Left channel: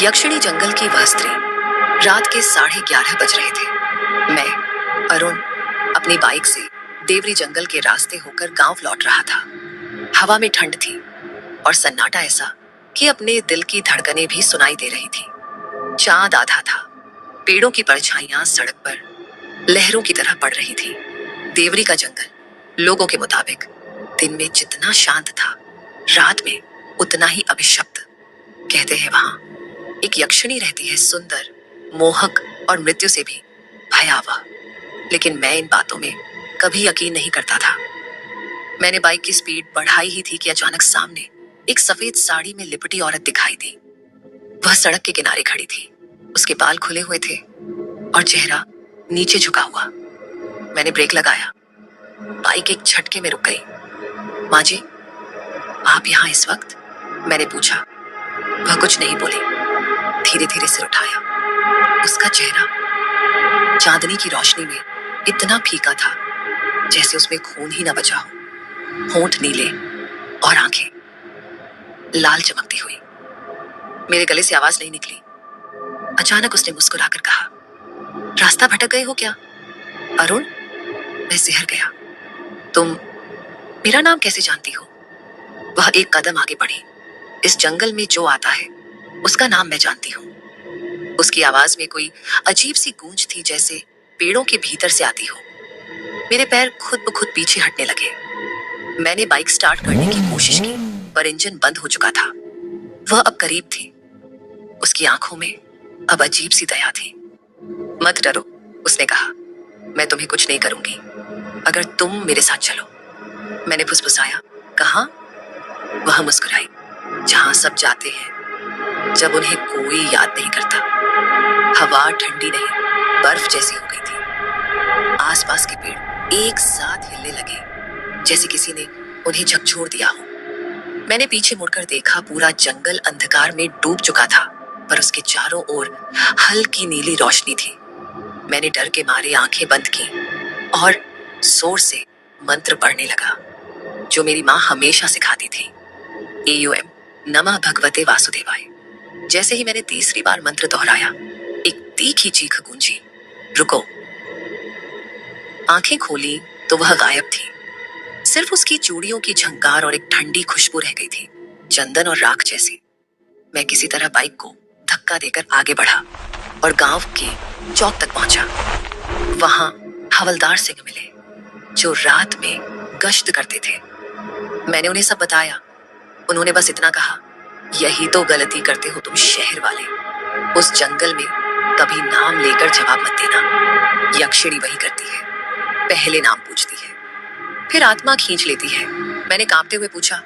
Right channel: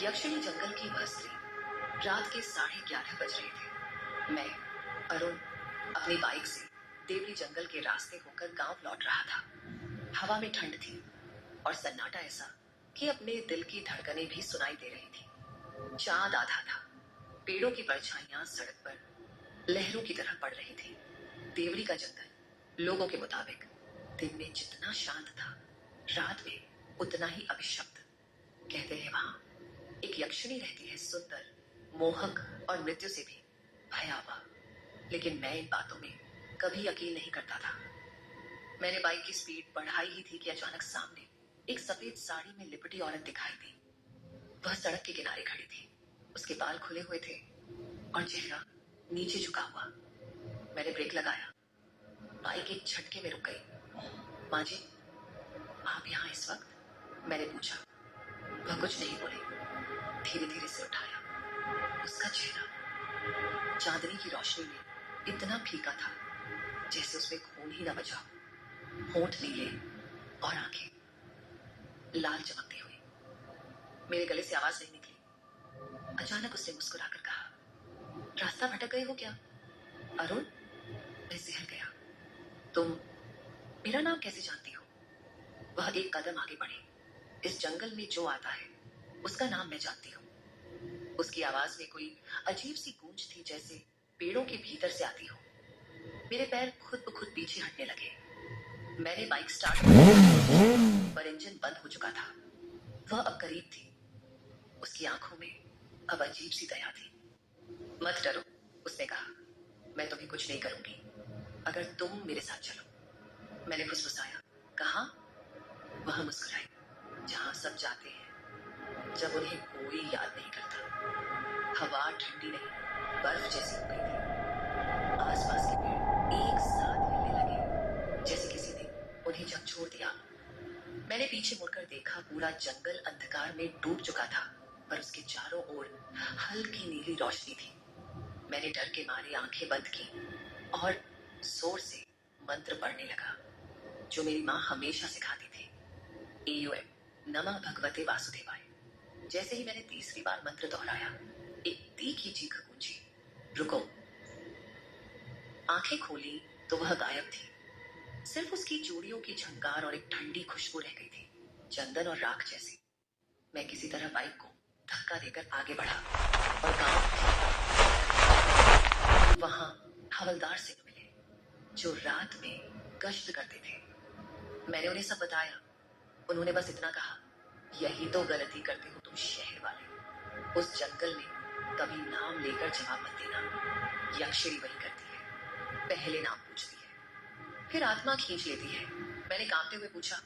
यक्षिणी जंगल की वह स्त्री। रात के 11:30 बज रहे थे। मैं, अरुण, अपनी बाइक से देवरी जंगल के रास्ते होकर गांव लौट रहा था। हवा में ठंड थी और सन्नाटा ऐसा कि अपने दिल की धड़कनें भी सुनाई दे रही थी। चांद आधा था। पेड़ों की परछाइयां सड़क पर लहरों की तरह पड़ रही थी। देवरी का जंगल लोगों के मुताबिक दिन में जितना शांत था, रात में उतना ही अभिशप्त। कहते हैं वहां एक यक्षिणी रहती है, सुंदर, मोहक और मृत्यु से भी भयावह। लेकिन मैं इन बातों में कभी यकीन नहीं करता था। मैंने बाइक की स्पीड बढ़ाई ही थी कि अचानक सामने एक सफेद साड़ी में लिपटी औरत दिखाई दी। वह सड़क के किनारे खड़ी थी। उसके बाल खुले हुए थे और चेहरा नीचे झुका हुआ। मैंने ब्रेक लगाया। बाइक एक झटके में रुक गई। माँ जी, आप यहाँ इस वक्त? मैंने पूछा। वह कुछ नहीं बोली। धीरे धीरे सिर उठाया। उसका चेहरा चांदनी की रोशनी में इतना फीका था जैसे उसमें खून ही न बचा हो। होंठ नीले और आंखें लाल चमकती हुई। मेरे गले से आवाज नहीं निकली। अचानक उसने मुस्कुराकर कहा, रास्ता भटक गए हो क्या अरुण? मैं सिहर गया। तुम मेरा नाम कैसे जानती हो? वह एक कदम आगे बढ़ी। इस जंगल में जो आता है उसका नाम मैं जानती हूँ। उसकी आवाज में कोई अजीब सी गूंज थी, जैसे पेड़ों के भीतर से आती हो। मेरे पैर खुद ब खुद पीछे हटने लगे। मैंने बाइक स्टार्ट करने की कोशिश की, पर इंजन बंद हो चुका था। वह अब करीब थी। उसकी आंखों में अब अजीब सी दया थी। मत डरो, उसने कहा, मैं तुम्हें कुछ नहीं करूंगी अगर तुम मेरे साथ चलो। मैंने फुसफुसाया, कहाँ? वह मुस्कुराई, जहां सब जाते हैं जब उन्हें कोई याद नहीं करता। हवा ठंडी नहीं, बर्फ जैसी हो गई थी। आसपास के पेड़ एक साथ हिलने लगे, जैसे किसी ने उन्हें झकझोर दिया हो। मैंने पीछे मुड़कर देखा। पूरा जंगल अंधकार में डूब चुका था, पर उसके चारों ओर हल्की नीली रोशनी थी। मैंने डर के मारे आंखें बंद की और जोर से मंत्र पढ़ने लगा, जो मेरी माँ हमेशा सिखाती थी। AUM, नमः भगवते वासुदेवाय। जैसे ही मैंने तीसरी बार मंत्र दोहराया, एक तीखी चीख गूंजी, रुको। आंखें खोली तो वह गायब थी। सिर्फ उसकी चूड़ियों की झंकार और एक ठंडी खुशबू रह गई थी, चंदन और राख जैसी। मैं किसी तरह बाइक को धक्का देकर आगे बढ़ा और गांव के चौक तक पहुंचा। वहां हवलदार सिंह मिले, जो रात में गश्त करते थे। मैंने उन्हें सब बताया। उन्होंने बस इतना कहा, यही तो गलती करते हो तुम शहर वाले। उस जंगल में कभी नाम लेकर जवाब मत देना। यक्षिणी वही करती है, पहले नाम पूछती है, फिर आत्मा खींच लेती है। मैंने कांपते हुए पूछा,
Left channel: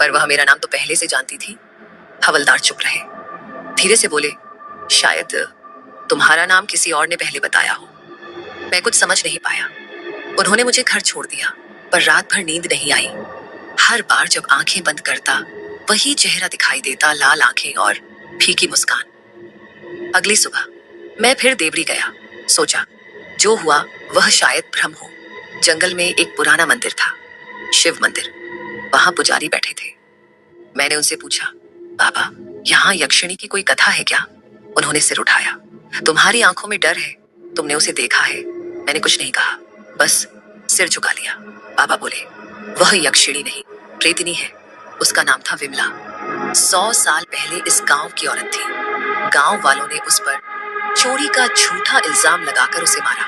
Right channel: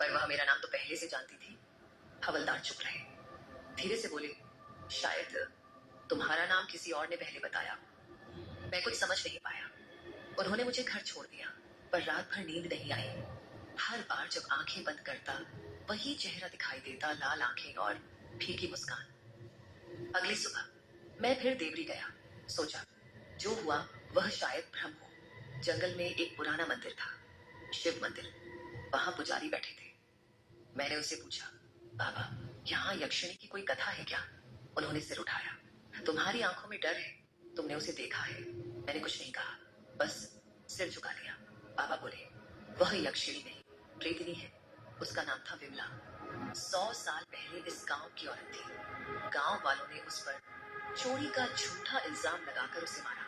पर वह मेरा नाम तो पहले से जानती थी। हवलदार चुप रहे, धीरे से बोले, शायद तुम्हारा नाम किसी और ने पहले बताया हो। मैं कुछ समझ नहीं पाया। उन्होंने मुझे घर छोड़ दिया, पर रात भर नींद नहीं आई। हर बार जब आंखें बंद करता, वही चेहरा दिखाई देता, लाल आंखें और फीकी मुस्कान। अगली सुबह मैं फिर देवरी गया। सोचा, जो हुआ वह शायद भ्रम हो। जंगल में एक पुराना मंदिर था, शिव मंदिर। वहां पुजारी बैठे थे। मैंने उनसे पूछा, बाबा, यहाँ यक्षिणी की कोई कथा है क्या? उन्होंने सिर उठाया। तुम्हारी आंखों में डर है, तुमने उसे देखा है। मैंने कुछ नहीं कहा, बस सिर झुका लिया। बाबा बोले, वह यक्षिणी नहीं, प्रेतिनी है। उसका नाम था विमला। 100 साल पहले इस गांव की औरत थी। गांव वालों ने उस पर चोरी का झूठा इल्जाम लगाकर उसे मारा।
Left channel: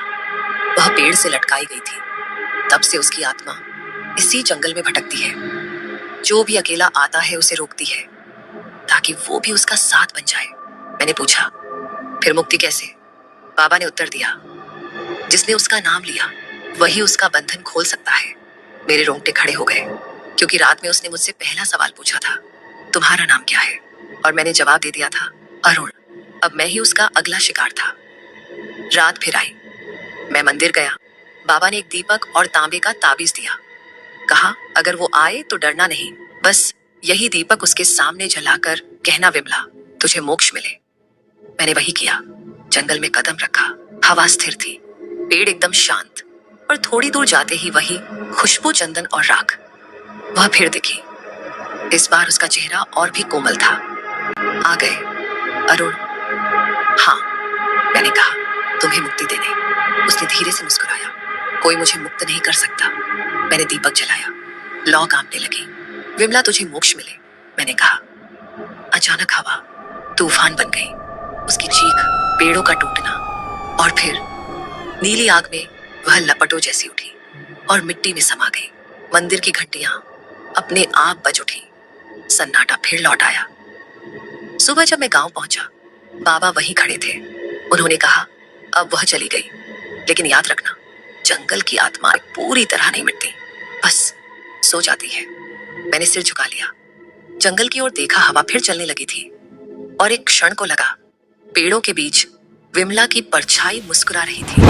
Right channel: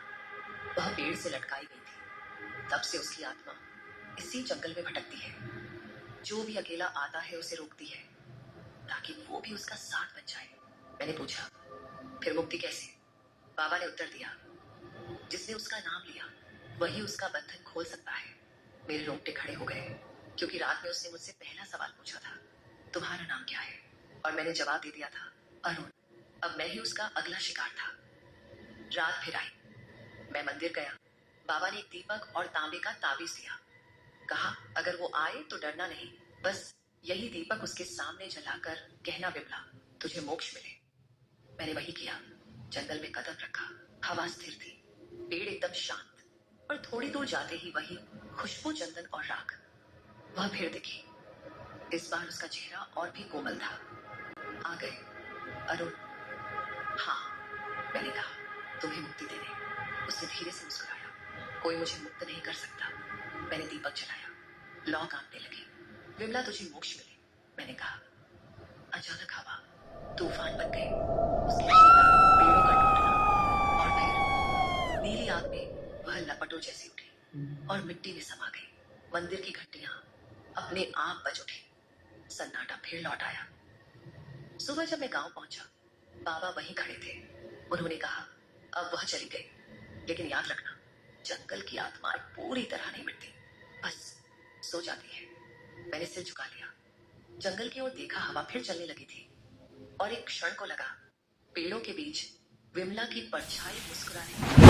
वह पेड़ से लटकाई गई थी। तब से उसकी आत्मा इसी जंगल में भटकती है। जो भी अकेला आता है उसे रोकती है, ताकि वो भी उसका साथ बन जाए। मैंने पूछा, फिर मुक्ति कैसे? बाबा ने उत्तर दिया, जिसने उसका नाम लिया वही उसका बंधन खोल सकता है। मेरे रोंगटे खड़े हो गए, क्योंकि रात में उसने मुझसे पहला सवाल पूछा था, तुम्हारा नाम क्या है? और मैंने जवाब दे दिया था, अरुण। अब मैं ही उसका अगला शिकार था। रात फिर आई। मैं मंदिर गया। बाबा ने एक दीपक और तांबे का ताबीज दिया। कहा, अगर वो आए तो डरना नहीं, बस यही दीपक उसके सामने जलाकर कहना, विमला, तुझे मोक्ष मिले। मैंने वही किया। जंगल में कदम रखा। हवा स्थिर थी, पेड़ एकदम शांत, और थोड़ी दूर जाते ही वही खुशबू, चंदन और राख। वह फिर दिखी। इस बार उसका चेहरा और भी कोमल था। आ गए, अरुण, हाँ, मैंने कहा, तुम्हें मुक्ति देने। उसने धीरे से मुस्कुराया। कोई मुझे मुक्त नहीं कर सकता। मैंने दीपक जलाया। लौ कांपने लगी। विमला, तुझे मोक्ष मिले, मैंने कहा। अचानक हवा तूफान बन गई। उसकी चीख, पेड़ों का टूटना, और फिर नीली आग में वह लपटों जैसी उठी और मिट्टी में समा गई। मंदिर की घंटियां अपने आप बज उठी। सन्नाटा फिर लौट आया। सुबह जब मैं गांव पहुंचा, बाबा वहीं खड़े थे। उन्होंने कहा, अब वह चली गई, लेकिन याद रखना, जंगल की आत्माएं पूरी तरह नहीं मिटती, बस सो जाती है। मैंने सिर झुका लिया। जंगल की ओर देखा। हवा फिर चलने लगी थी और एक क्षण को लगा पेड़ों के बीच विमला की परछाई मुस्कुरा रही थी।